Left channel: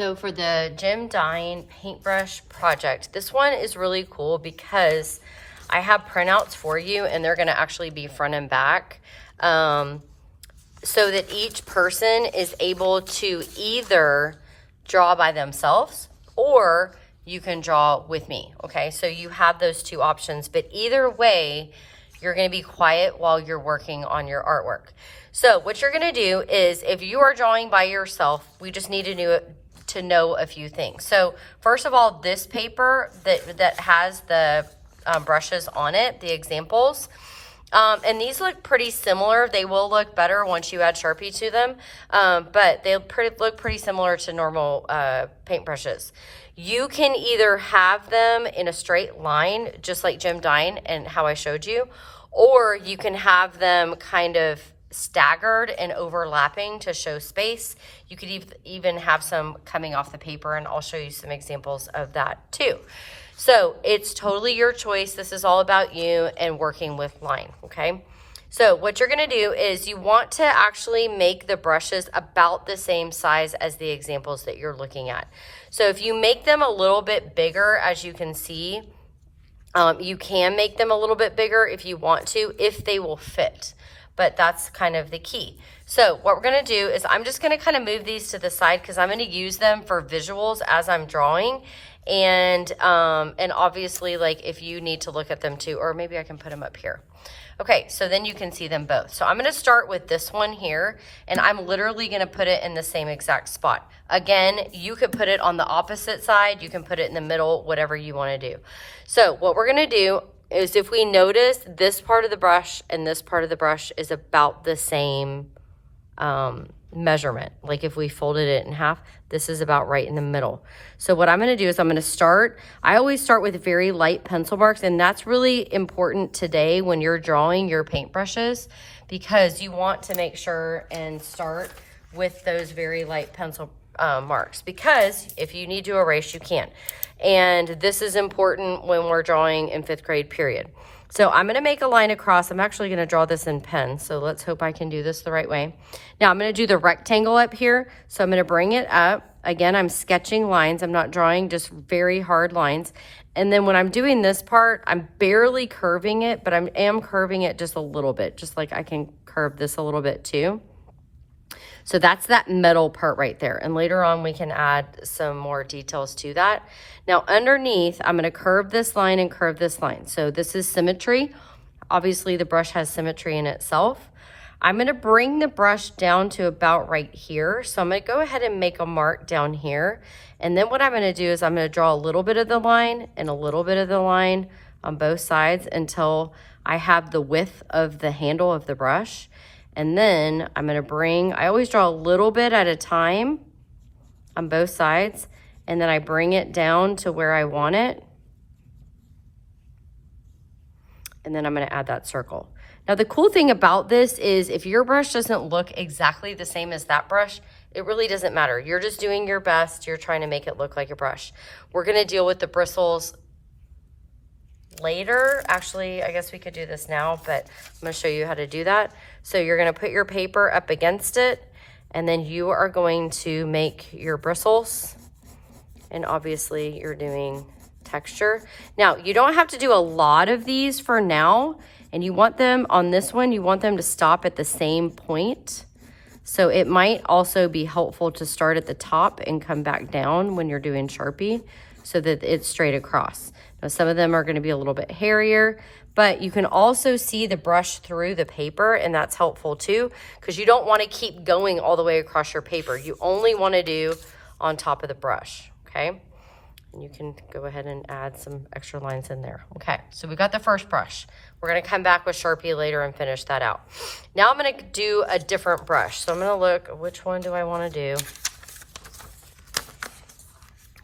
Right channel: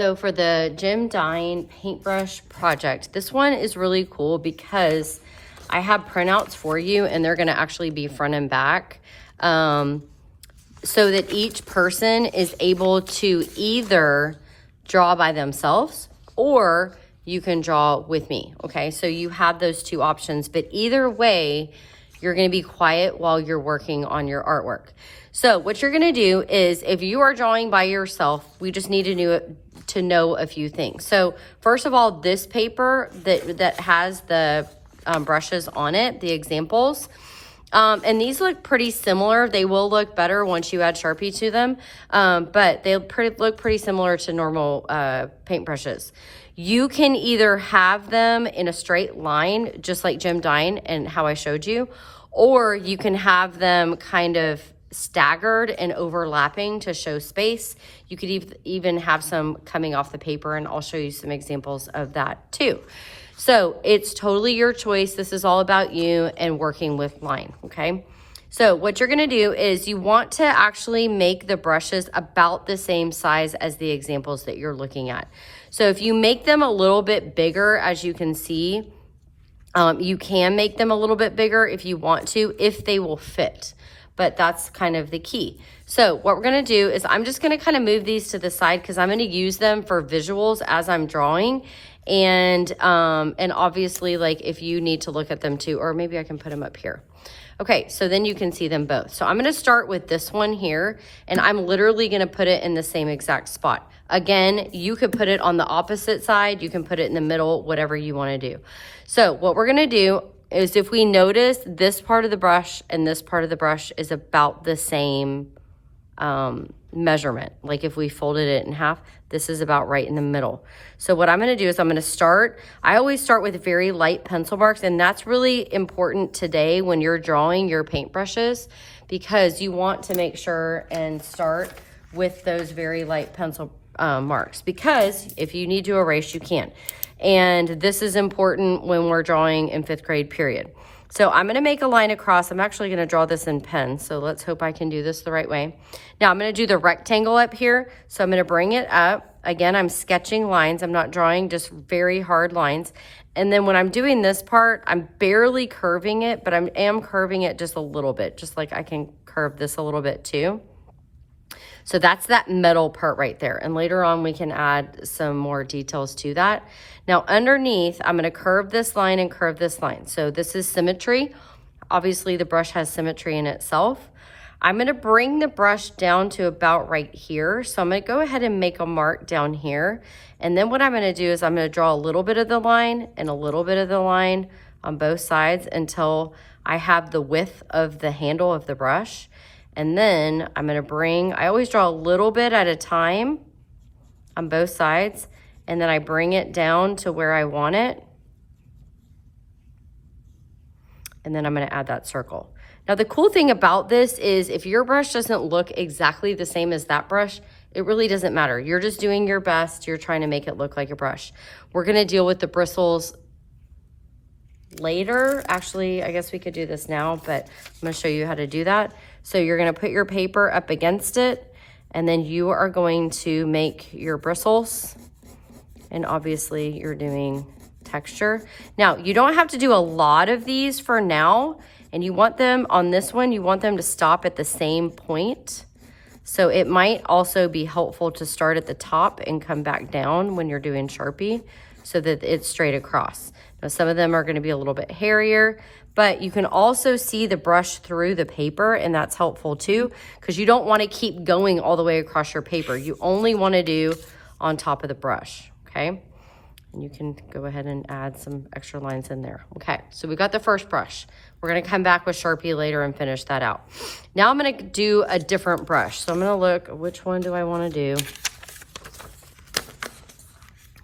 So for the Jim Dine paintbrush project, this one is really cool because I have printouts for you and they're gonna actually be front and back. So that each person is able to either draw by themselves or you can draw with me, okay? So you have those two options, but either way, you're gonna be quiet while you're working on your artwork. So what you're gonna do is, if you are drawing by yourself, we just need to know a few things. So first of all, this paper that has the brushes on it, the examples, and these look pretty similar. They will look better once you add Sharpie to them, but they look pretty similar to normal paintbrushes. You can either have them in a straight line, just like Jim Dine and how I showed you, or you can have them kind of staggered and overlapping to show space. You could even have some coming off the paper, and I'll show you some examples of that too. So it's totally your choice. This is all about you and working with line, okay? So what you're gonna do is you want to actually make the brushes about the same size as the examples that you're looking at. So if you make them a little bit bigger, as you can see, you can make them a little bit bigger if you want to, if they will fit, but that's kind of the key. So what we're gonna do is I'm just gonna kind of move these to the side because I'm gonna use them for visuals as I'm drawing. And obviously, like, if you need to look at them too, or maybe I can put them up here. Okay, so then you can see them both. So I'm gonna start with this one here, and I'm literally gonna put it in the same exact spot. Again, you could put it on the opposite side, you can put it in the middle, whatever you wanna do. So what we're gonna do is, if we notice, this part of the brush and this part of the brush is about the same measurement. Like if we folded it in half, this is about right in the middle. So what I'm gonna do is I'm gonna start, I always start with very light pencil marks, and that's really important today when you're drawing your paintbrushes, because you want to make sure and start with those very light pencil marks, because if you need to erase, you can. And this is important when we're drawing in 5th grade, period. So I'm gonna make a line across. I'm actually gonna draw this in pen, so let's hope I can do this the right way. Now I'm gonna do the rectangle up here. So I'm gonna bring it up. Again, I'm sketching lines. I'm not drawing just very hard lines. And then when I'm doing this part, I'm barely curving it, but I am curving it just a little bit, just like I can curve this a little bit too. So that's that metal part right there. And later on, we can add some more details to that. Now underneath, I'm gonna curve this line and curve this line. So this is symmetry. Obviously the brush has symmetry in itself. I'm gonna bring the brush down to about right here. So I'm gonna go ahead and make a mark down here. And then what I'm gonna do is I'm gonna draw a little bit of the line and a little bit of the line on both sides until I have the width of the handle of the brush. And then I'm gonna I always draw a little bit at a time on both sides, and then I bring it down to where I want it. And then I'm gonna add that circle. Now the cool thing about this is if your brush doesn't look exactly the same as that brush, it really doesn't matter. You're just doing your best. You're trying to make it look like a brush. We're gonna deal with the bristles later. Actually, I guess we could do this now, but I'm gonna show you how to do that. So you're gonna put your paper up against it, and then you are going to make your bristles. And obviously you're doing texture. Now, you don't have to do a lot of these for now. And you want them on this one, you want them to stop at the same point. So it might also be helpful to start at the top and come back down when you're doing Sharpie so that it's straight across. Now some of them are gonna be a little bit hairier, but you can also see the brush through the paper, and that's helpful too, because you don't wanna keep going all the way across your paper. You only wanna do on top of the brush, okay? And you can go ahead and add some extra lines in there. Okay, so we got the first brush. We're gonna come back with Sharpie later and finish that out. Now I'm gonna do a different brush. So I'm gonna look, which one do I wanna do?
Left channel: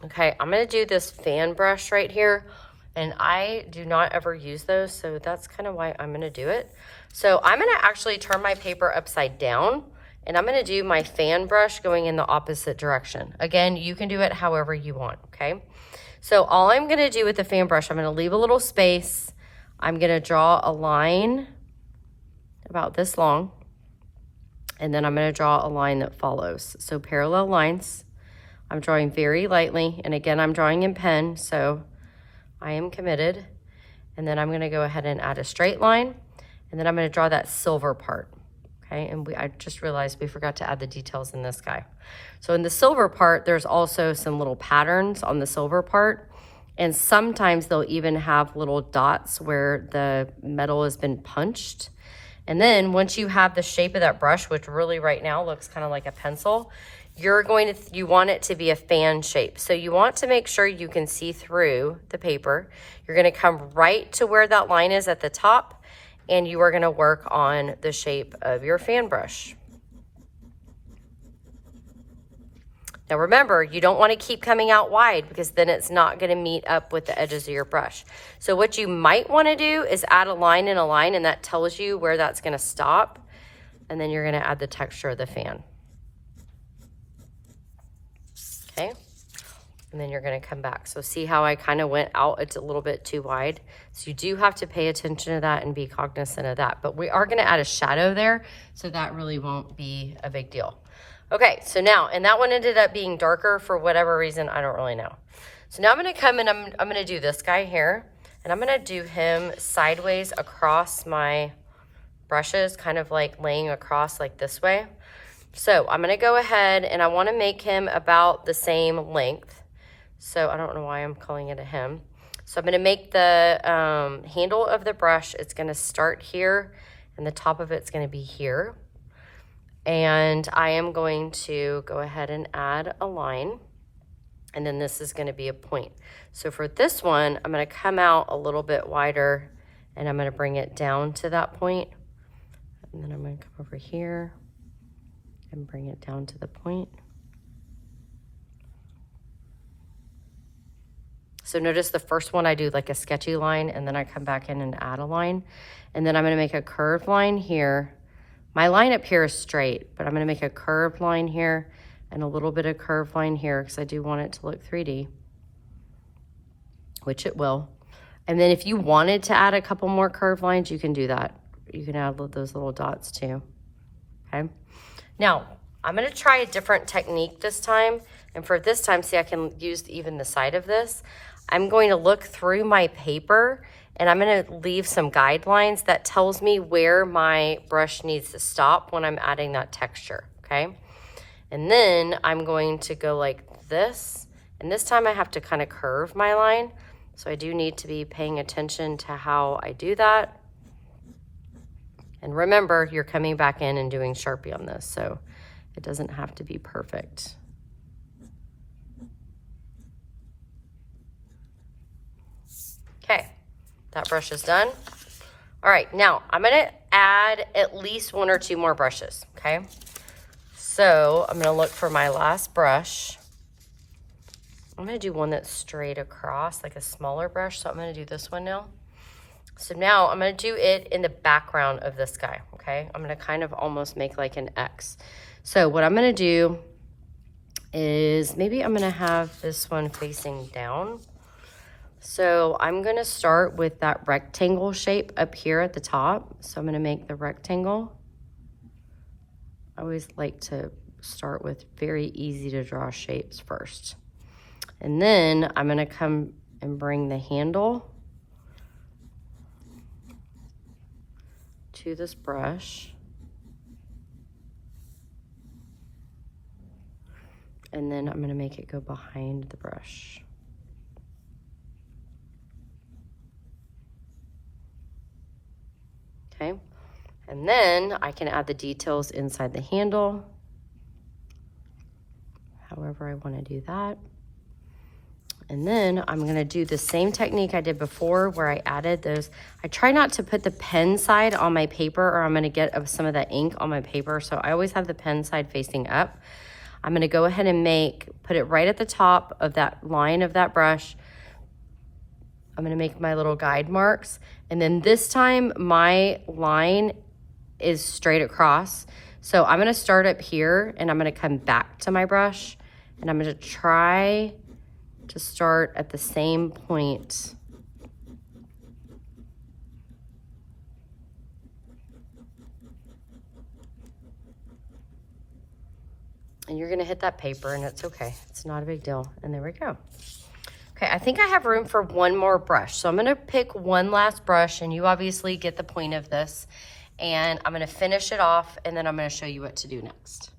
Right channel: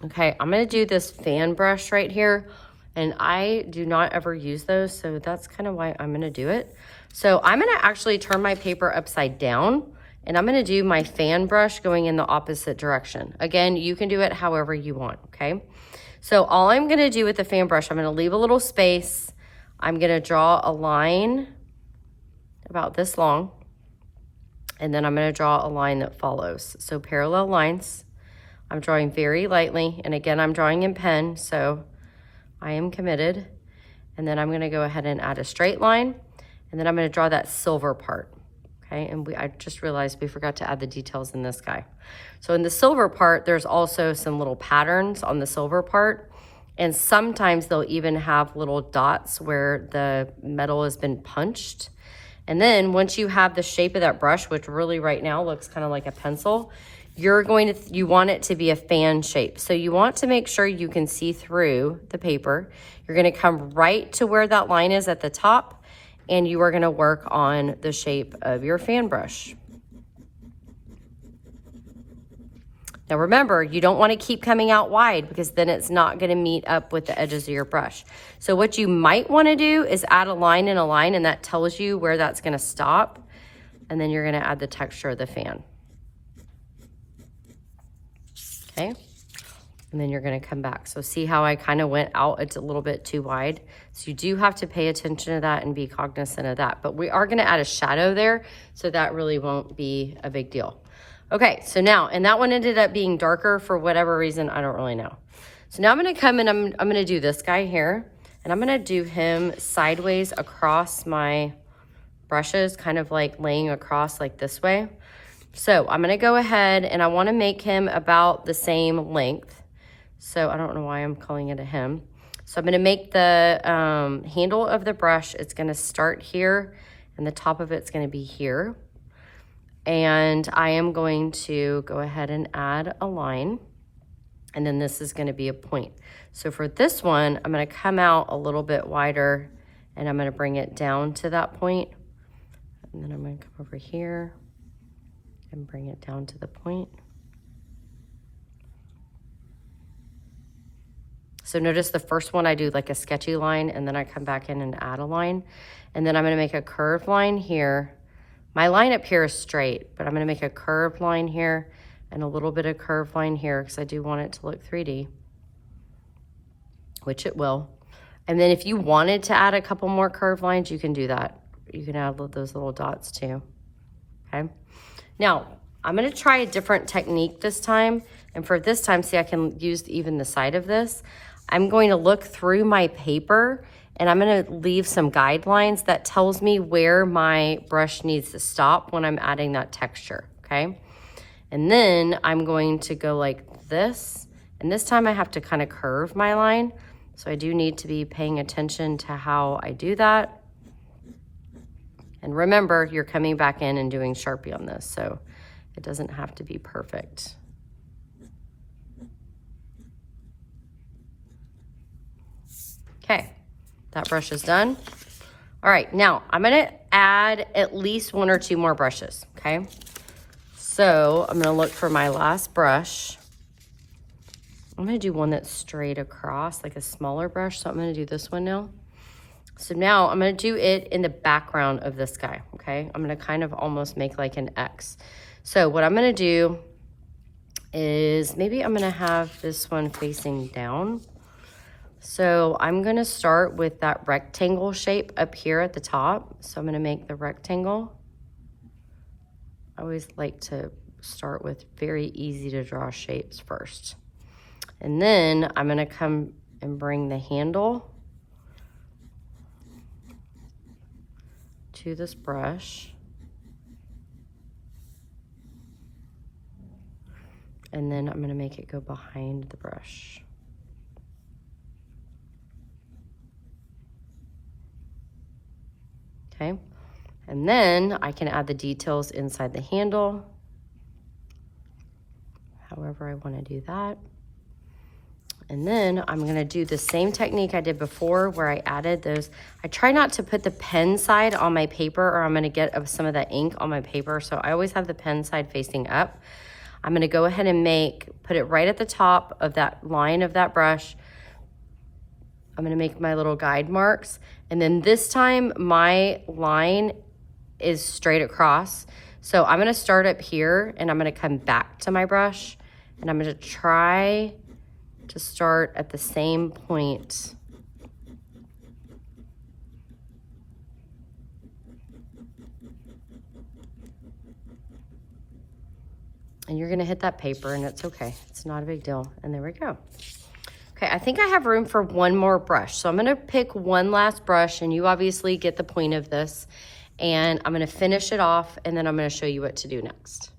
Okay, I'm gonna do this fan brush right here. And I do not ever use those, so that's kind of why I'm gonna do it. So I'm gonna actually turn my paper upside down, and I'm gonna do my fan brush going in the opposite direction. Again, you can do it however you want, okay? So all I'm gonna do with the fan brush, I'm gonna leave a little space. I'm gonna draw a line about this long, and then I'm gonna draw a line that follows. So parallel lines I'm drawing very lightly, and again, I'm drawing in pen, so I am committed. And then I'm gonna go ahead and add a straight line, and then I'm gonna draw that silver part, okay? And I just realized we forgot to add the details in this guy. So in the silver part, there's also some little patterns on the silver part, and sometimes they'll even have little dots where the metal has been punched. And then once you have the shape of that brush, which really right now looks kind of like a pencil, you want it to be a fan shape. So you want to make sure you can see through the paper. You're gonna come right to where that line is at the top, and you are gonna work on the shape of your fan brush. Now remember, you don't want to keep coming out wide because then it's not going to meet up with the edges of your brush. So what you might want to do is add a line and a line, and that tells you where that's going to stop. And then you're going to add the texture of the fan. Okay. And then you're going to come back. So see how I kind of went out? It's a little bit too wide. So you do have to pay attention to that and be cognizant of that. But we are going to add a shadow there, so that really won't be a big deal. Okay, so now, and that one ended up being darker for whatever reason, I don't really know. So now I'm gonna come and I'm gonna do this guy here, and I'm gonna do him sideways across my brushes, kind of like laying across like this way. So I'm gonna go ahead and I wanna make him about the same length. So I don't know why I'm calling it a him. So I'm gonna make the handle of the brush, it's gonna start here, and the top of it's gonna be here. And I am going to go ahead and add a line, and then this is going to be a point. So for this one, I'm going to come out a little bit wider, and I'm going to bring it down to that point. And then I'm going to come over here and bring it down to the point. So notice the first one I do like a sketchy line, and then I come back in and add a line. And then I'm going to make a curved line here. My line up here is straight, but I'm gonna make a curved line here and a little bit of curved line here because I do want it to look 3D, which it will. And then if you wanted to add a couple more curved lines, you can do that. You can add those little dots too, okay? Now, I'm gonna try a different technique this time. And for this time, see, I can use even the side of this. I'm going to look through my paper, and I'm gonna leave some guidelines that tells me where my brush needs to stop when I'm adding that texture, okay? And then I'm going to go like this, and this time I have to kind of curve my line. So I do need to be paying attention to how I do that. And remember, you're coming back in and doing Sharpie on this, so it doesn't have to be perfect. Okay. That brush is done. All right, now I'm gonna add at least 1 or 2 more brushes, okay? So I'm gonna look for my last brush. I'm gonna do one that's straight across, like a smaller brush. So I'm gonna do this one now. So now I'm gonna do it in the background of this guy, okay? I'm gonna kind of almost make like an X. So what I'm gonna do is maybe I'm gonna have this one facing down. So I'm gonna start with that rectangle shape up here at the top. So I'm gonna make the rectangle. I always like to start with very easy to draw shapes first. And then I'm gonna come and bring the handle to this brush. And then I'm gonna make it go behind the brush. Okay, and then I can add the details inside the handle, however I want to do that. And then I'm going to do the same technique I did before where I added those. I try not to put the pen side on my paper or I'm going to get some of that ink on my paper. So I always have the pen side facing up. I'm going to go ahead and put it right at the top of that line of that brush. I'm going to make my little guide marks. And then this time my line is straight across. So I'm gonna start up here and I'm gonna come back to my brush and I'm gonna try to start at the same point And you're gonna hit that paper and it's okay. It's not a big deal. And there we go. Okay, I think I have room for one more brush. So I'm gonna pick one last brush, and you obviously get the point of this. And I'm gonna finish it off, and then I'm gonna show you what to do next.